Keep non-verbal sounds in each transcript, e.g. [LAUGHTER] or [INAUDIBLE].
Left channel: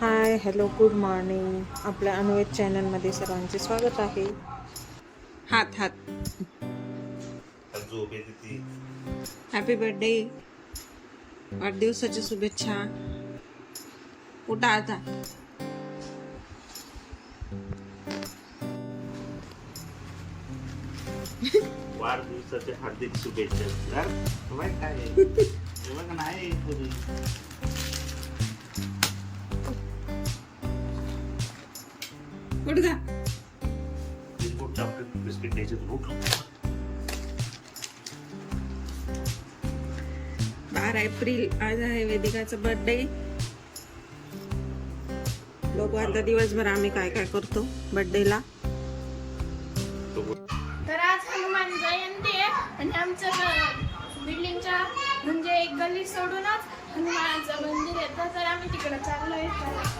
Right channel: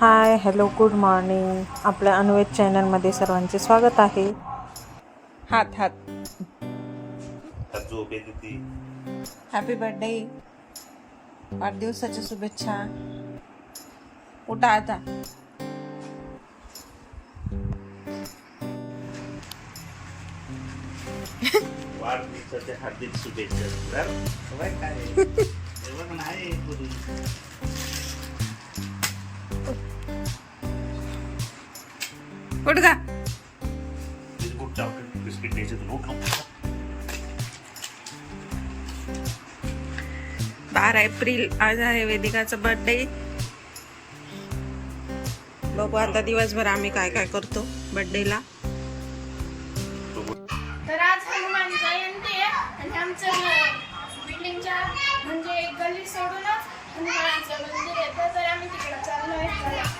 Hi hello good morning. आपल्या अन्वेत चॅनलमध्ये सर्वांचे स्वागत आहे. हात हात. हॅपी बर्थडे वाढदिवसाच्या शुभेच्छा. उठा आता. वाढदिवसाच्या हार्दिक शुभेच्छा. [LAUGHS] उठ का बिस्किट द्यायचे बारा एप्रिल आज आहे वेदिकाचा बर्थडे बघू आता दिवसभर आम्ही काय काय करतो बर्थडेला तर आज हनुमान जयंती आहे आणि आमच्या बिल्डिंगच्या म्हणजे एक गल्ली सोडूनच हनुमानाचं मंदिर आहे. तर आम्ही तिकडे चाललो आहे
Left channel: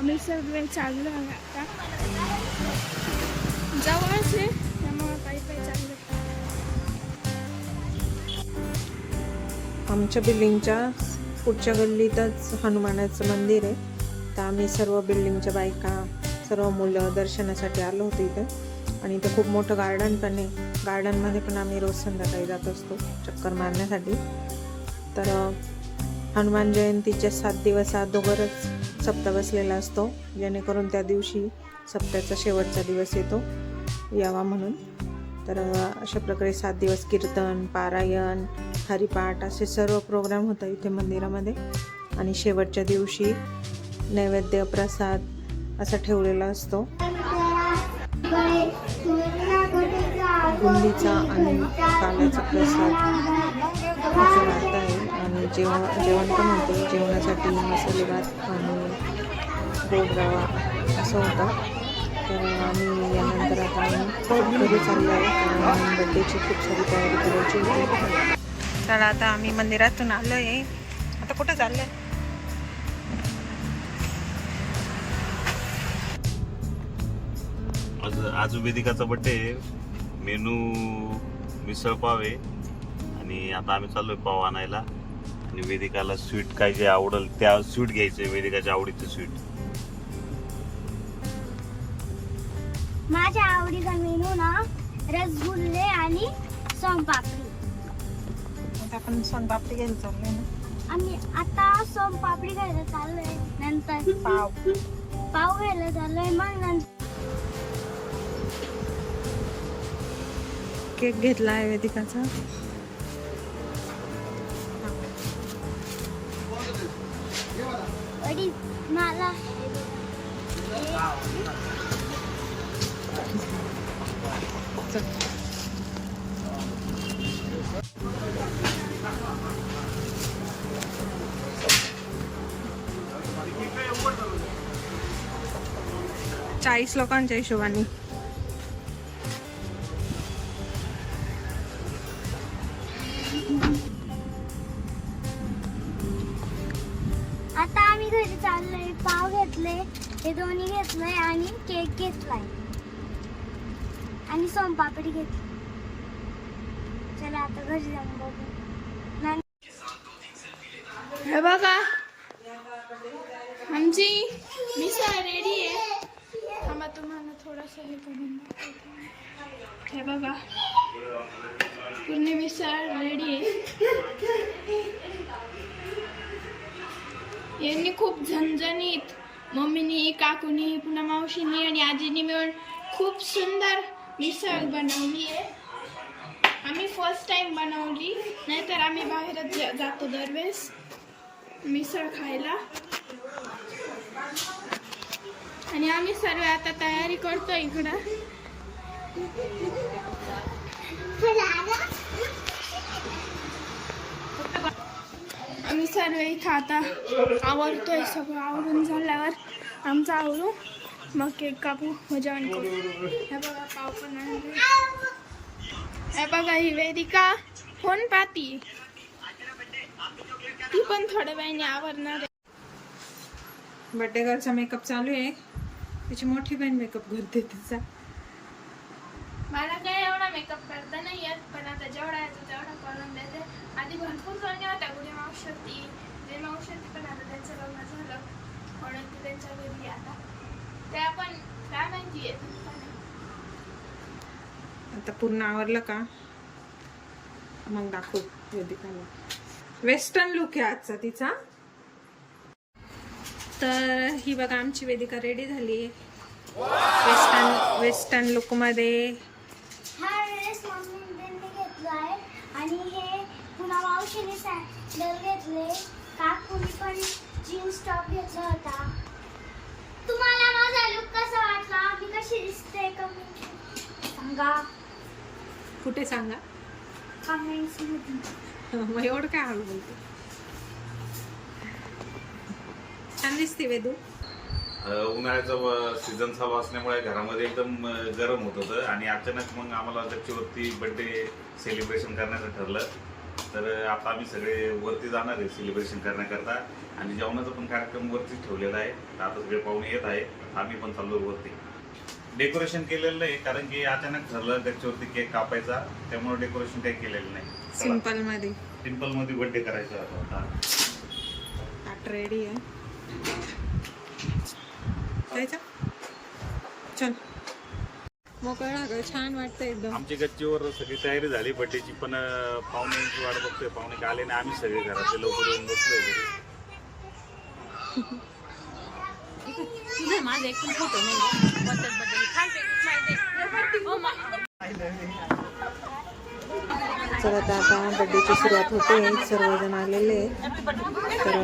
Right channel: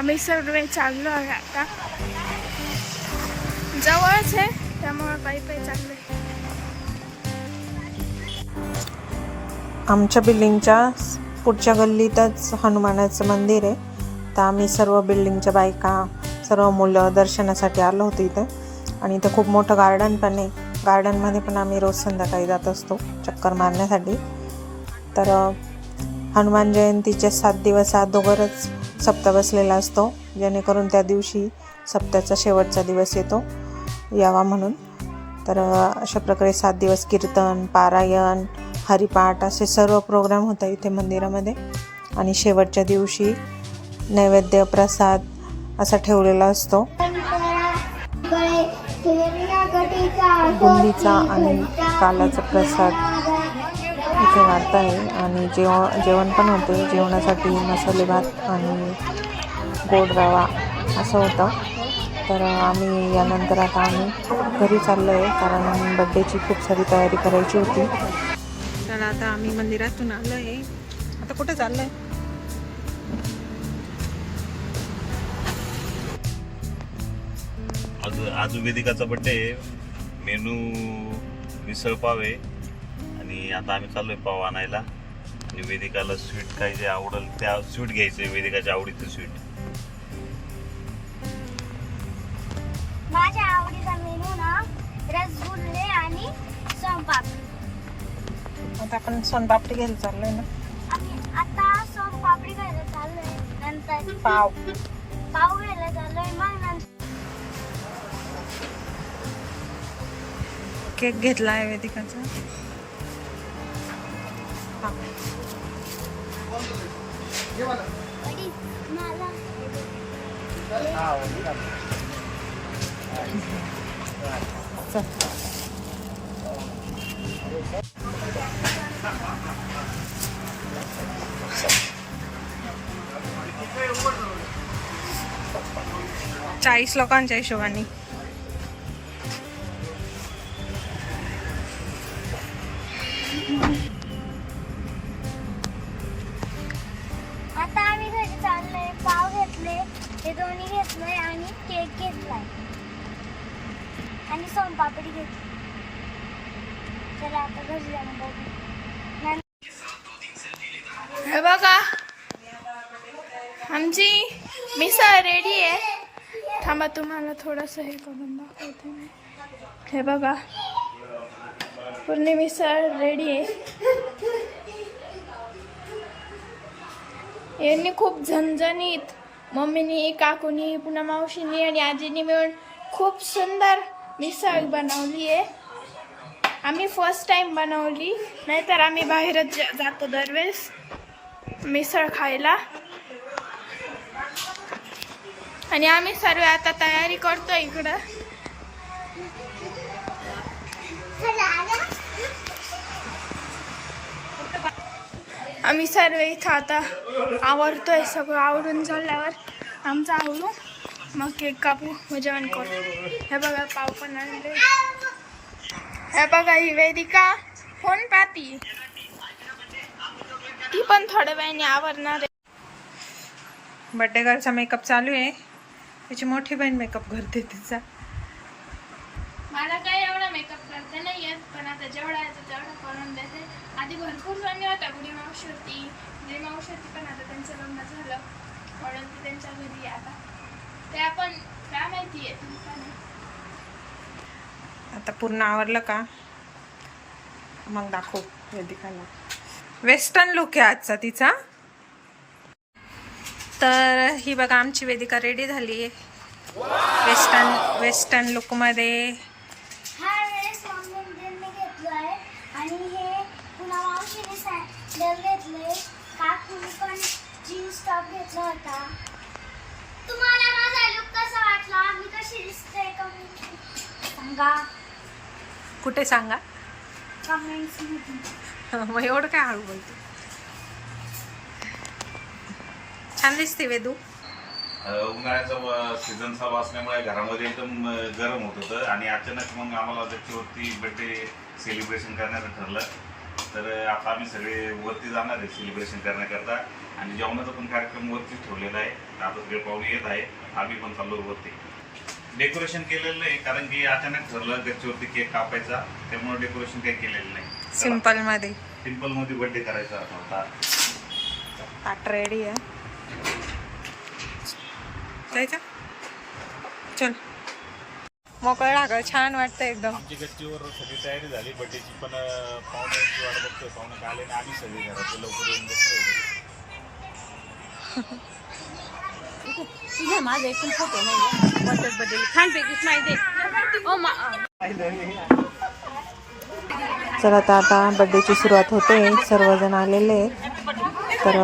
आम्ही सर्व चाललो आहे आता. जवळच आहे त्यामुळे पायी पायी चाललोय. आमच्या बिल्डिंगच्या पुढच्या गल्लीतच हनुमानाचं मंदिर आहे. तर आम्ही सर्व बिल्डिंगच्या बायका सर्व मुलं दर्शनासाठी आलो होतो इथं. आणि इथं खूप मोठं गार्डन पण आहे. गार्डनमध्ये पण आम्ही रोज संध्याकाळी जात असतो चक्कर मारण्यासाठी. तर हनुमान जयंतीचे सात दिवस अगोदरच सप्ताह बसलेला असतो. जेणेकरून त्या दिवशी सप्त्याचा शेवटचा दिवस येतो. यावा म्हणून. तर अशा प्रकारे सात दिवस कीर्तन पारायण हरिपाठ असे सर्व प्रोग्राम होतात इथे मंदिरामध्ये. आणि शेवटच्या दिवशी नैवेद्य प्रसाद असा ठेवलेला असतो. बुंदीचा आणि कालाचा प्रसाद असं वाटत आहे. आणि जेव जेवण पण होते. जेवणासाठी मसाले भात आणि गोड रवा असं होतं. तर आम्ही यानंतर आता आम्ही घरी चाललो आहे. कारण बड्डेची खूप सारी तयारी करायची होती. तर आता आम्ही मंदिरातून आलो आहे. आता कुठं चाललो आहे आज आज वेदिकाचा बड्डे आहे. मेनू मिसळ पाव आहे. आणि आता आम्ही चाललोय पाव आणायला. आणि वेदिकाला स्वीट काय जे आवडेल त्या स्वीट घ्यायचंय वेदिकाच्या आवडीचं स्वीट माझ्या आवडीचा मेनू ना रसगुल्ले आणि सोनपापडी. आता आपण सोनपापडी घ्यायला चाललोय ना? आम्ही आता सोनपापडी खायला चाललोय. नंतर पाव. पाव घ्यायला चाललोय मग नंतर केक घेतला आहे वेदिकाचा चाळीस लोकांच्या हिशोबाने. पापडी सोनपापडी घेतली चला आता घरी जाऊन बघू. हे बघा. आमची मिसळ रेडी आहे. थांबा तुम्हाला थोडंसं हे करून दाखवते हे बघा. पूर्ण मिसळ रेडी आहे. यांनी खूप झणझणीत मम्मीनी काकूनी पुन्हा मावशीनी आणि आजीनी मिळून खूप सुंदर मिसळ बनवली आहे. आम्ही फर्स्ट टाइम बनवली. नाहीतर आम्ही बाहेरच जा- जातो दरवेळेस. मिसळ खायला. आणि आम्ही सर्व आता तयारी करतो इकडं. आम्ही सर्व इथं आता आवरतोय. सगळं आवरून झाल्यावर आमचं आवरू मग केक कापू मग जेवण करू. हे बघा पाव पण आणले. हे बघा ही वेदिका फोन पाहती. ती पण थोड्या वेळाने आवरणार आहे. बड्डे गर्लचा मेकअप चालू आहे. तिची मोठी बहीण मेकअप करते तिचा. मला काय एवढा मेकअप करता नाही येत पण आता जेवढा येतो तेवढा करून देते. आधी भरपूर जणी होत्या गुढी मावशी होती जे मावशी होती पण आता त्यांचं लग्न झालं. म्हणून ती त्यांच्या घरी आता. काय माहिती आहे? आता पूर्ण आवरलं का? मग दाखवू वेदिकाला. वेस्टर्न लुक आहे आजचा तिचा. तर ही बघा आमची वेदिका रेडी झाली आहे. वेस्टर्न वेस्टर्न लुकमध्ये हा वेळेस मम्मीने घेतलं आहे. आणि हे पुन्हा मावशीने सॅन्डल घेतले. काकूने पण जीन्स टॉप घेतला होता तुम्हाला माझा लुक कसा वाटला मी कशी सांगा. कुठे सांगा? कमेंट्स [LAUGHS] मग एवढं काय हळू बोलतो. छान दिसते वेदू. उन्हाळ्याचा सीझन चालू असल्यामुळे घरामध्ये एकदम गरम होत होतं आणि अचानक मग आम्हाला गच्चीवरती बर्थडे सेलिब्रेशन करण्याचं ठरलं. तर आता आम्ही सगळे वरती जाणार आहे सेलिब्रेशन करण्याकरता आणि जेवणाचा पण कार्यक्रम वरतीच ठेवलेला आहे. आता सगळे पाहुणे येत आहे आम्ही पण चाललो वरती. डेकोरेशन केलेलं नाही कारण की अचानक ठरलं गच्चीवरती केक कापायचा त्यामुळे डेकोरेशन काही केलेलं नाही. सिंपलमध्ये सिंपलमध्ये बर्थडे करायचा होता आता. ताट रेडी आहे. जायचं? चल. मोकळं लागलं छान वाटतं एकदम. आमची गच्चीवर सगळी तयारी झाली बड्डेची पण पाहुण्यांची वाट बघतोय पाहुणे आले नाही आम्ही सगळे घरातले लवकर येऊन बसलोय [LAUGHS] घरी चला आता आता बड्डेची सुरुवात होते. सर्वजण आलेले. तर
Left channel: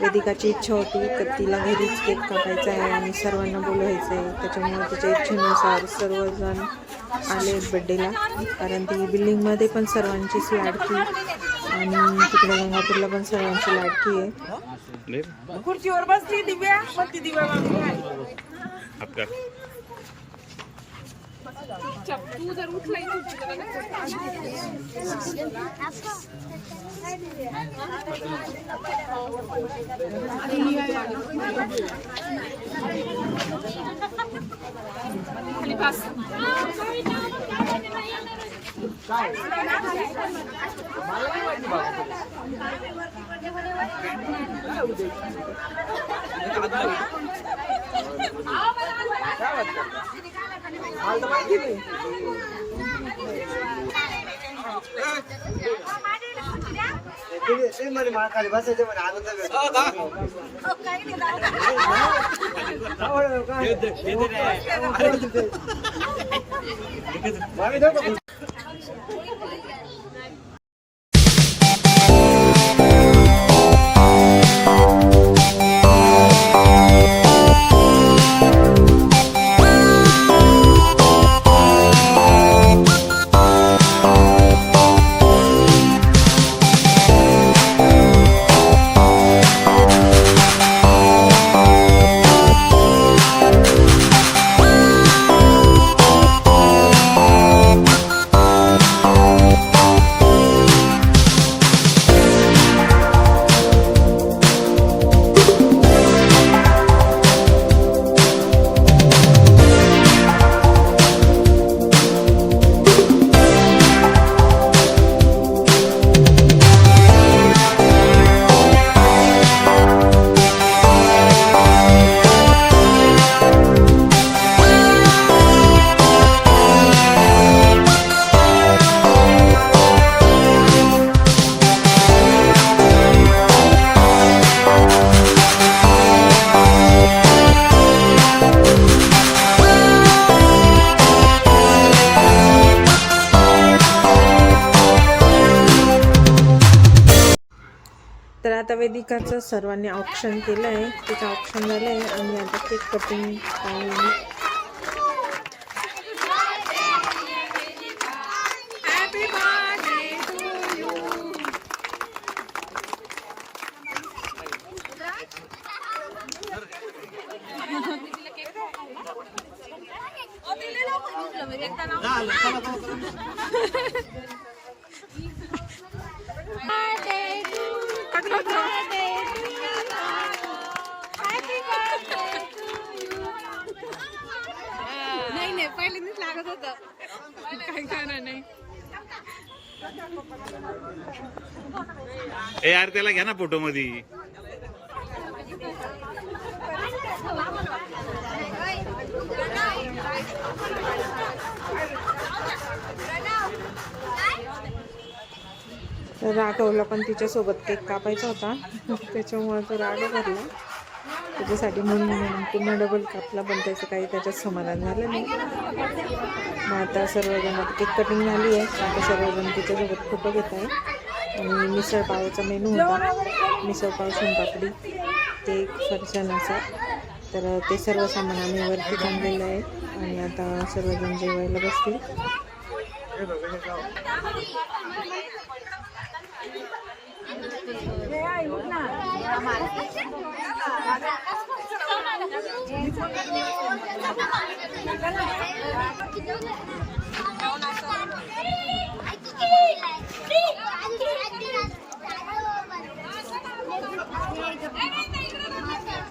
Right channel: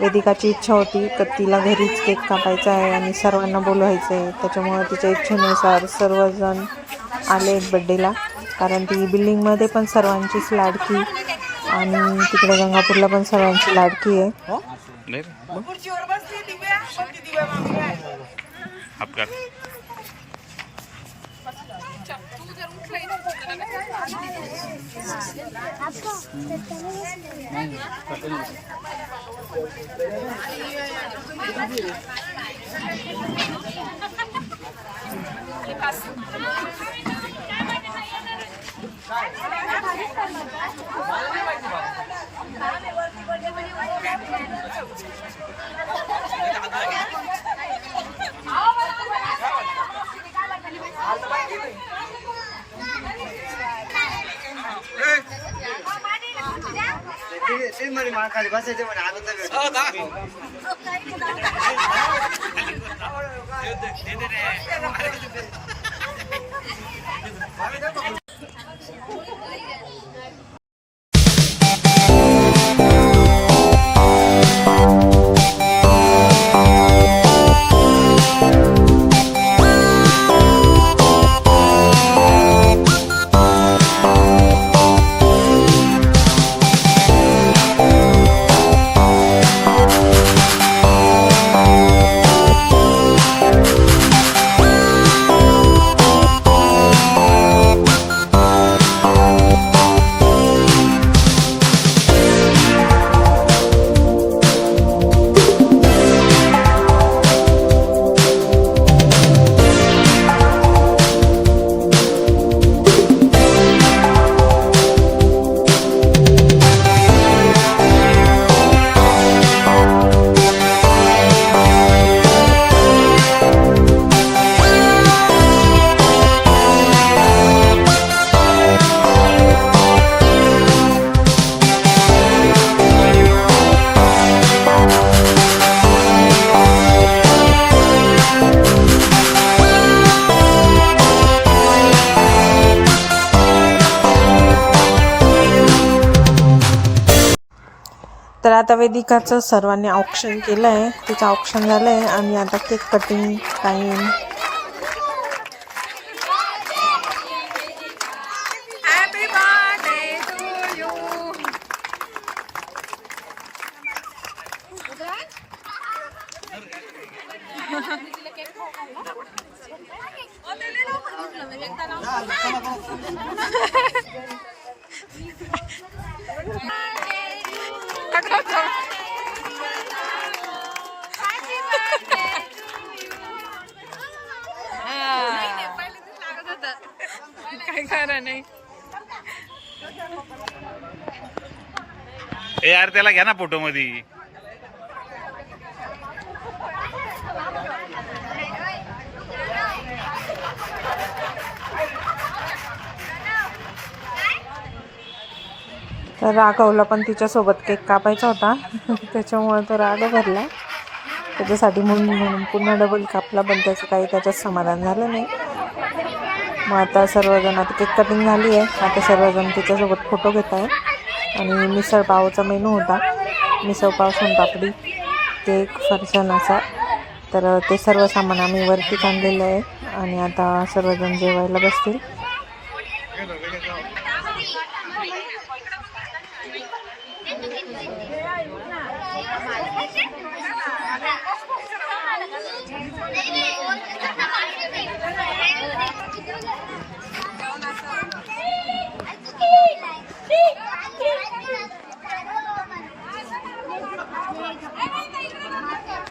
वेदिकाची इच्छा होती तर तिला घरीच केक कापायचा आहे आणि सर्वांना बोलवायचं आहे त्याच्यामुळे तिच्या इच्छेनुसार सर्वजण आले आहेत बड्डेला कारण ती बिल्डिंगमध्ये पण सर्वांचीच लाडकी आणि तिकडे गंगापूरला पण सर्वांची लाडकी आहे. अपघात. ते म्हणे महाखाली बसायचं म्हणे आनंद भेटतो तर आता वेदिकाचं सर्वांनी ऑप्शन केलं आहे तिचं ऑप्शन झालं आहे आणि आता केक कटिंग टाईम काय नाही ए यार त्याला घ्या ना फोटो मध्ये तर राघवला पण तिच्यासोबत केक कापायचा होता. त्याच्यामुळे तो राग भरला. त्याच्यासाठी म्हणून म्हणून पुन्हा डबल कापला पण त्याचं काही त्याच्यात समाधान झालं नाही. मग आता सर्वजण आता केक कटिंग झाली आहे. आता सर्वजण तिच्यासोबत फोटो घेत आहे आणि मिसळपावचा मेनू होता. मिसळपाव सोनपापडी. केक फरसाण असा. तर ते सर्व सामान आम्ही वरती आणलेलं आहे. आणि आता सर्वजण जेवायला बसतील.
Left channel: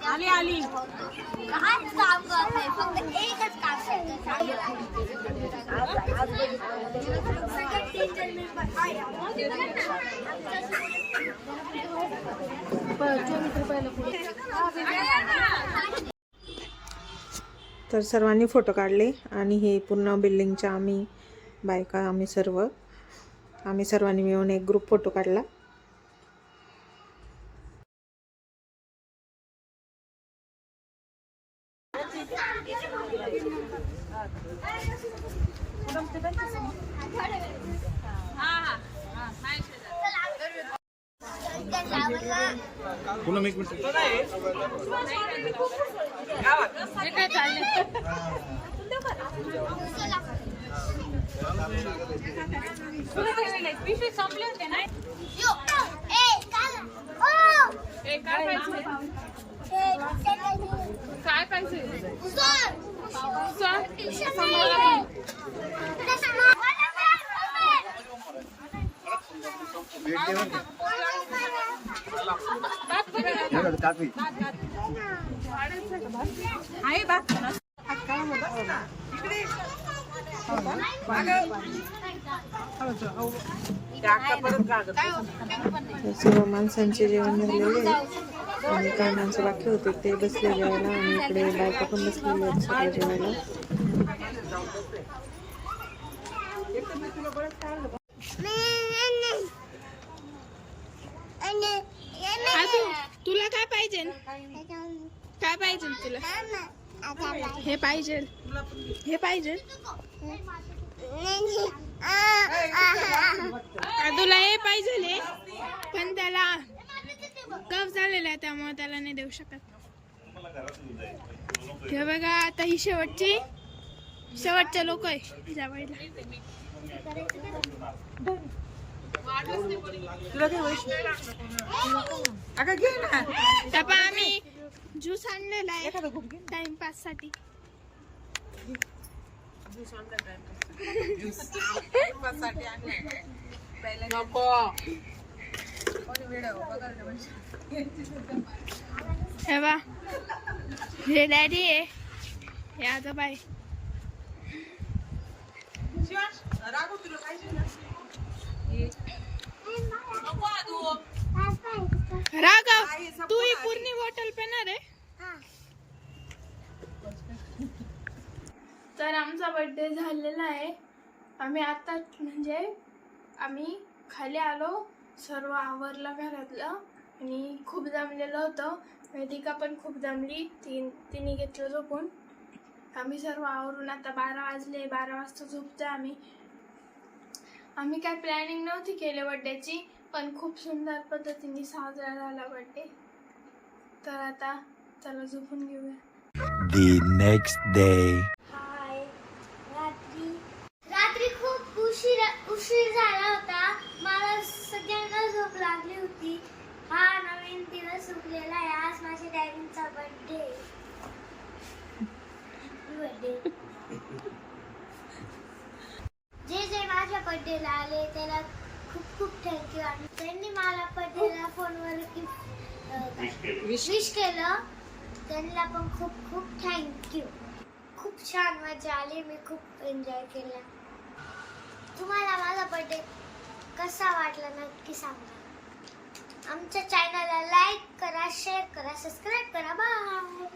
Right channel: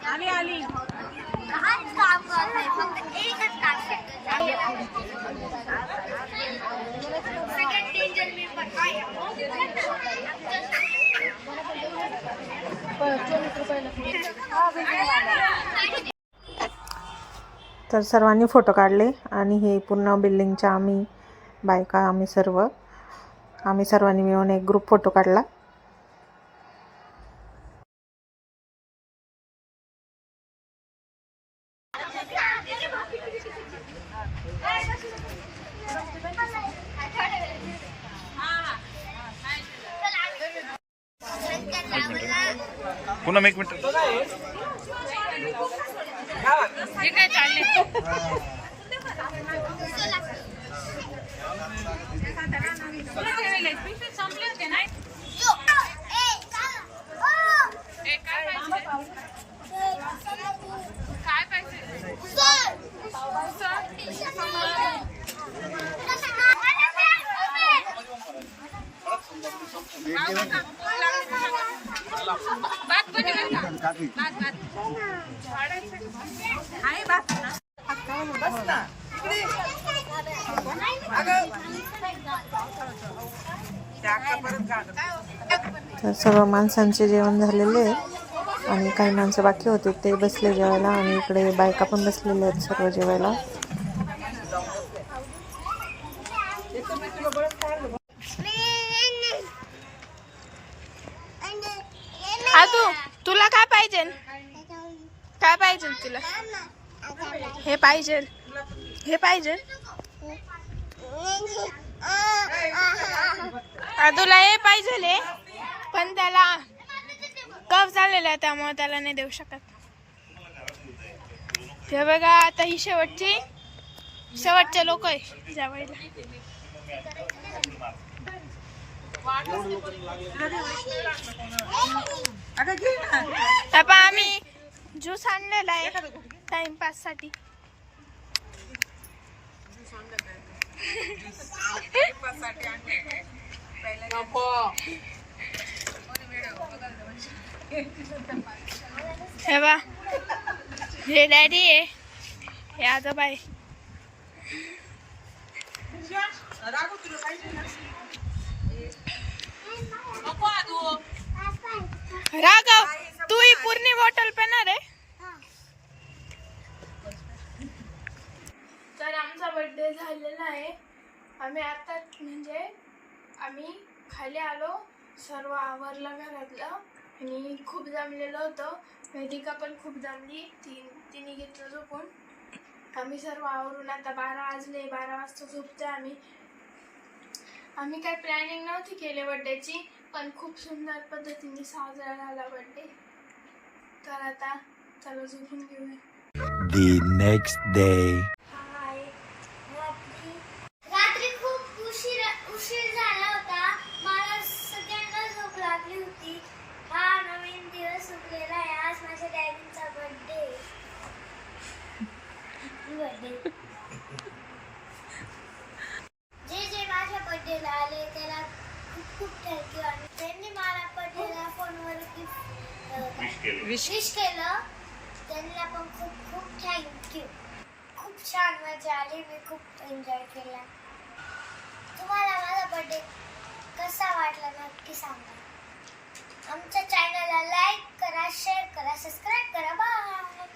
आली आली काम करत नाही फक्त एकच काम सगळ्यात डेंजर मी पण तर सर्वांनी फोटो काढले आणि हे पूर्ण बिल्डिंगच्या आम्ही बायका आम्ही सर्व आम्ही सर्वांनी मिळून एक ग्रुप फोटो काढला. एक मिनिट. पुन्हा एक मिनिट. काय पाहिजे काफी तर सर्व माणसांचे जेवण झालेले आहे आणि काही माणसं बाकी होते ते बसले जेवायला आणि इकडे बायका पण बसलेल्या आहेत सर्व जेवायला. दादू तुला काय पाहिजे? काय पाहिजे तुला? हे पाहिजे. हे पाहिजे. दादूला हे पाहिजे पण त्याला कफ झालेला आहे त्यामुळे त्याला नाही देऊ शकत. हे बघा आता ही शेवटची शेवटचे लोक आहे जेवायला आता आम्ही ज्यूस आणलेला आहे. टाइमपाससाठी. हे बा हे डॅडी आहे. हे आजोबा आहे. राघव तू ही पूर्ण बॉटल पेणार आहे? तर आमचा बर्थडे झालेला आहे. आम्ही आता म्हणजे आम्ही खाली आलो सर्व आवरलं घरातलं. आणि खूप जमलेलं होतं. वेदिका पण खूप जमली. ती तिने घेतलं झोपून. आम्ही सर्व आवरून आता बारा वाजले. बारा वाजता झोपतोय आम्ही. आम्ही काय प्लॅनिंग नव्हती केली बड्डेची पण खूप सुंदर पद्धतीने साजरा झाला बड्डे तर आता चला झोपून घेऊया. The next day. हाय रात्री रात्री खूप उशीर उशीर झाला होता. मला सगळ्यांना झोप लागली होती. हा नवीन दिवस उगलेला आहे. आज माझ्या डॅडींचा बर्थडे बर्थडे [LAUGHS] जे जे माझ्या बर्थडेला आले त्याला खूप खूप थँक्यू आणि त्यांनी मला बर्थडेला फोनवर गिफ्ट विश केलं. त्यांना पण खूप खूप थँक्यू खूप छान मजा आली. मी खूप एन्जॉय केला. तुम्हाला माझा बर्थडे कसा वाटला नक्की सांगा. आमच्या चॅनलला लाईक करा शेअर करा सबस्क्राईब करा. बाय